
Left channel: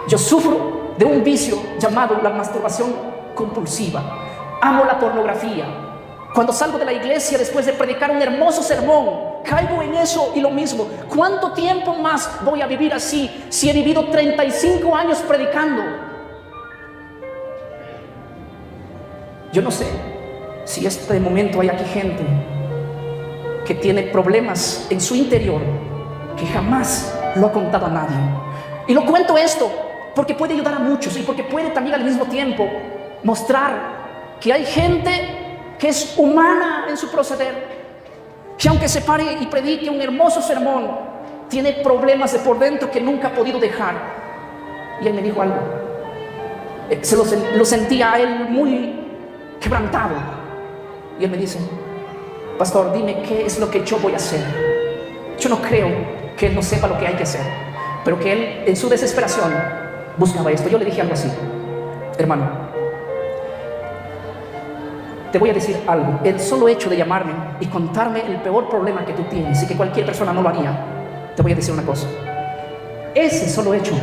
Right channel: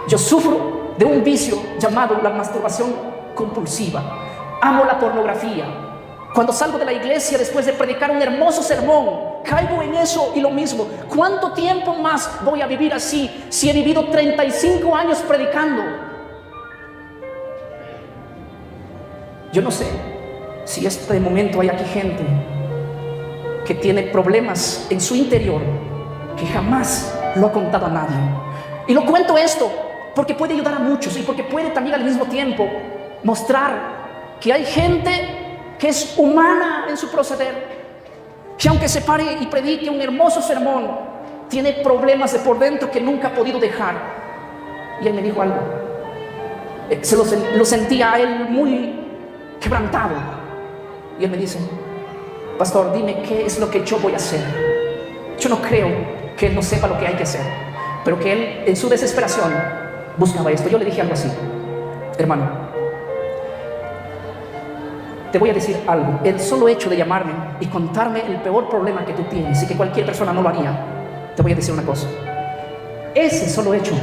Yo sufro de un vicio llamado la masturbación compulsiva. Amo la pornografía. Cuando salgo de la iglesia después de predicar un hermoso sermón, caigo en eso y lo mismo. ¿Cuánto tiempo más voy a vivir así si he vivido 35 años predicando? Yo no sé si este momento hay aquí gente que tiene problemas en su interior que jamás lo ha contado a nadie. Y lo cuento esto porque puede ayudar a muchos y porque puede también al mismo tiempo mostrar que hay gente que es humana en su proceder, que aunque se pare y predique un hermoso sermón, tiene problemas de por dentro que nunca ha podido dejar. Y él me dijo algo, lo sentía a él muy quebrantado, y él me dice: pastor, dime qué es lo que yo voy a hacer. Yo no creo que él no sepa lo que hay que hacer, pero que él en su desesperación buscaba esto. Yo le dije algo así: hermano, te voy a decir algo. El solo hecho de llamarme y contarme el peor problema que tú tienes y que cualquier persona no lo haría, te voy a decir una cosa. Ese solo hecho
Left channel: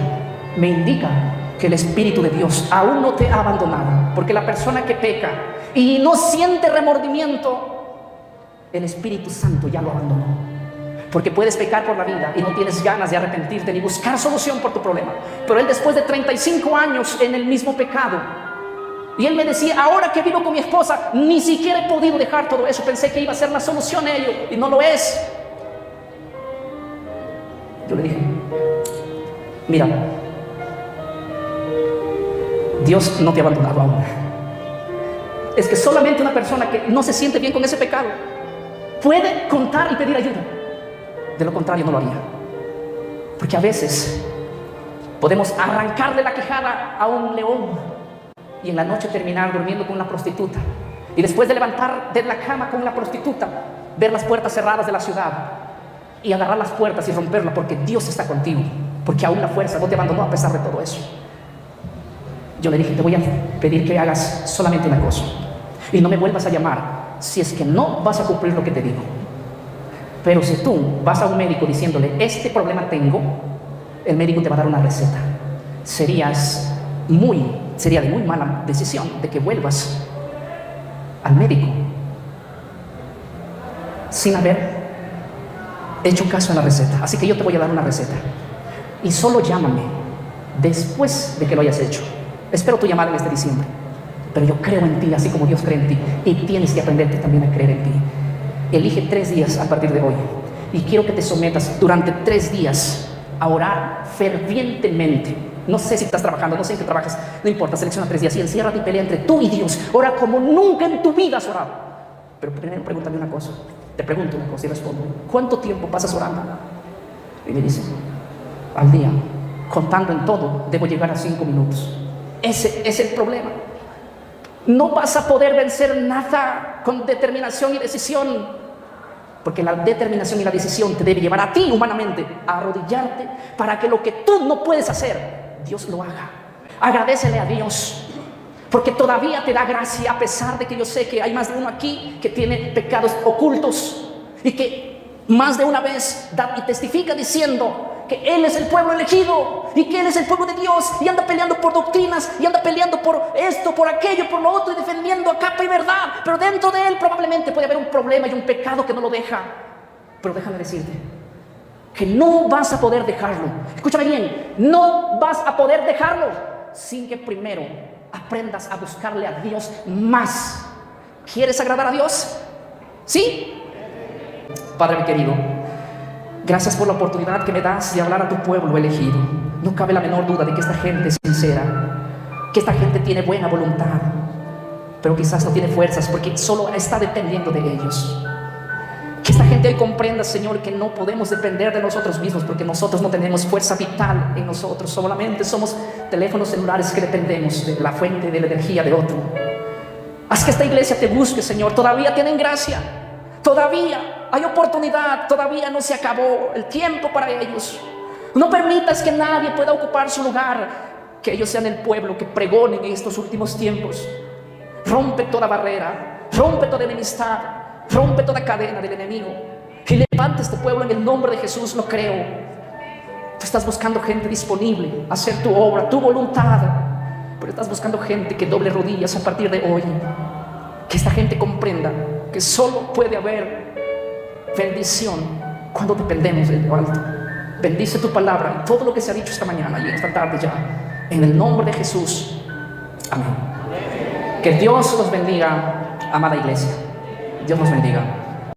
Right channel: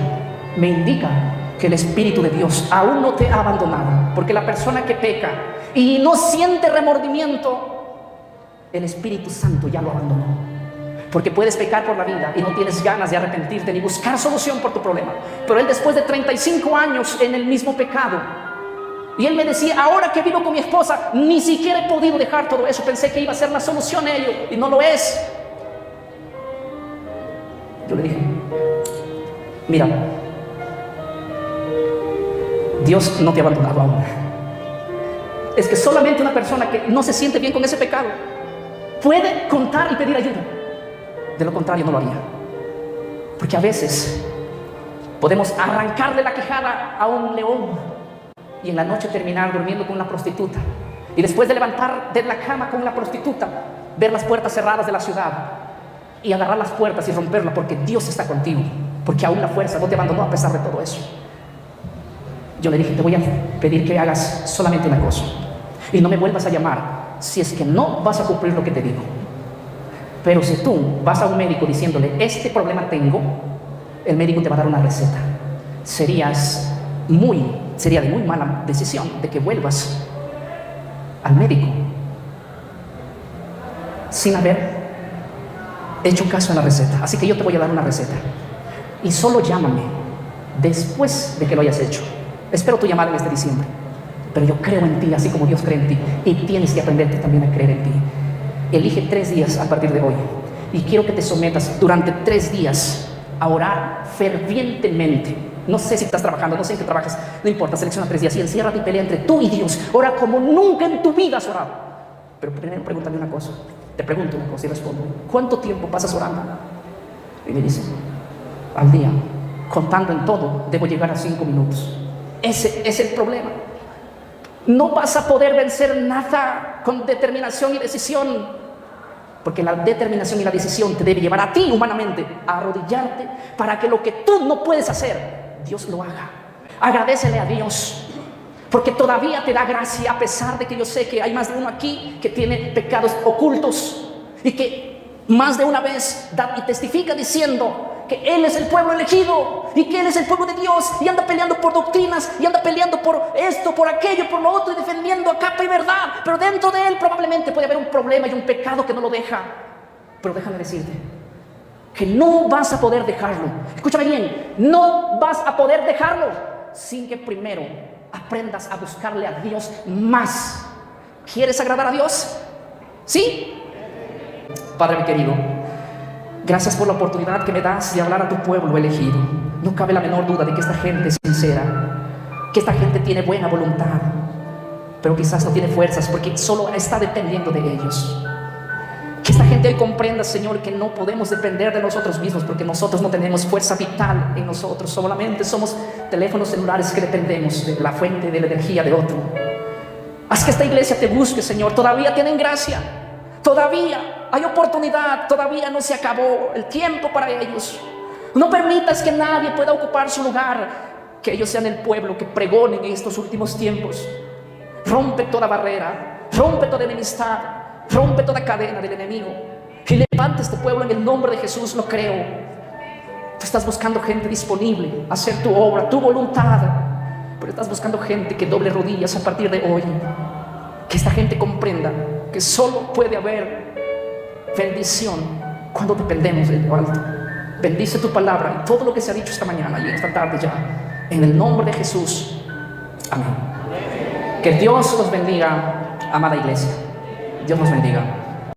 me indica que el Espíritu de Dios aún no te ha abandonado, porque la persona que peca y no siente remordimiento, el Espíritu Santo ya lo abandonó. Porque puedes pecar por la vida y no tienes ganas de arrepentirte ni buscar solución por tu problema. Pero él, después de 35 años en el mismo pecado, y él me decía: ahora que vivo con mi esposa, ni siquiera he podido dejar todo eso. Pensé que iba a ser la solución a ello, y no lo es. Yo le dije: mira, Dios no te ha abandonado aún. Es que solamente una persona que no se siente bien con ese pecado puede contar y pedir ayuda. De lo contrario, no lo haría. Porque a veces podemos arrancarle la quijada a un león y en la noche terminar durmiendo con una prostituta, y después de levantar de la cama con una prostituta, ver las puertas cerradas de la ciudad y agarrar las puertas y romperla, porque Dios está contigo, porque aún la fuerza no te abandonó a pesar de todo eso. Yo le dije: te voy a pedir que hagas solamente una cosa, y no me vuelvas a llamar si es que no vas a cumplir lo que te digo. Pero si tú vas a un médico diciéndole: este problema tengo, el médico te va a dar una receta. Sería de muy mala decisión de que vuelvas al médico sin haber hecho caso a la receta. Así que yo te voy a dar una receta, y solo llámame después de que lo hayas hecho. Espero tu llamada en este diciembre, pero yo creo en ti así como Dios cree en ti, y tienes que aprender también a creer en ti. Elige 3 días a partir de hoy, y quiero que te sometas durante 3 días a orar fervientemente. No sé si estás trabajando, no sé en qué trabajas, no importa, selecciona 3 días y enciérrate y pelea entre tú y Dios. Ora como nunca en tu vida has orado. Pero primero pregúntame una cosa, te pregunto una cosa y respondo: ¿cuánto tiempo pasas orando? Y me dice: al día, contando en todo, debo llegar a 5 minutos. Ese es el problema. No vas a poder vencer nada con determinación y decisión, porque la determinación y la decisión te debe llevar a ti humanamente a arrodillarte para que lo que tú no puedes hacer, Dios lo haga. Agradécele a Dios, porque todavía te da gracia, a pesar de que yo sé que hay más de uno aquí que tiene pecados ocultos, y que más de una vez da y testifica diciendo que Él es el pueblo elegido y que Él es el pueblo de Dios, y anda peleando por doctrinas y anda peleando por esto, por aquello, por lo otro, y defendiendo a capa y verdad, pero dentro de Él probablemente puede haber un problema y un pecado que no lo deja. Pero déjame decirte que no vas a poder dejarlo. Escúchame bien, no vas a poder dejarlo sin que primero aprendas a buscarle a Dios más. ¿Quieres agradar a Dios? ¿Sí? Padre mi querido, gracias por la oportunidad que me das de hablar a tu pueblo elegido. No cabe la menor duda de que esta gente es sincera, que esta gente tiene buena voluntad, porque si tiene fuerzas, porque solo está dependiendo de ellos. Que esta gente hoy comprenda, Señor, que no podemos depender de nosotros mismos, porque nosotros no tenemos fuerza vital en nosotros, solamente somos teléfonos celulares que dependemos de la fuente de la energía de otro. Haz que esta iglesia te busque, Señor. Todavía tienen gracia, todavía hay oportunidad, todavía no se acabó el tiempo para ellos. No permitas que nadie pueda ocupar su lugar, que ellos sean el pueblo que pregonen en estos últimos tiempos. Rompe toda barrera, rompe toda enemistad, rompe toda cadena del enemigo, y levanta este pueblo en el nombre de Jesús. Lo creo. Tú estás buscando gente disponible a hacer tu obra, tu voluntad, pero estás buscando gente que doble rodillas a partir de hoy. Que esta gente comprenda que solo puede haber bendición cuando dependemos del alto. Bendice tu palabra y todo lo que se ha dicho esta mañana y esta tarde ya, en el nombre de Jesús. Amén. Que Dios los bendiga, amada iglesia. Dios los bendiga.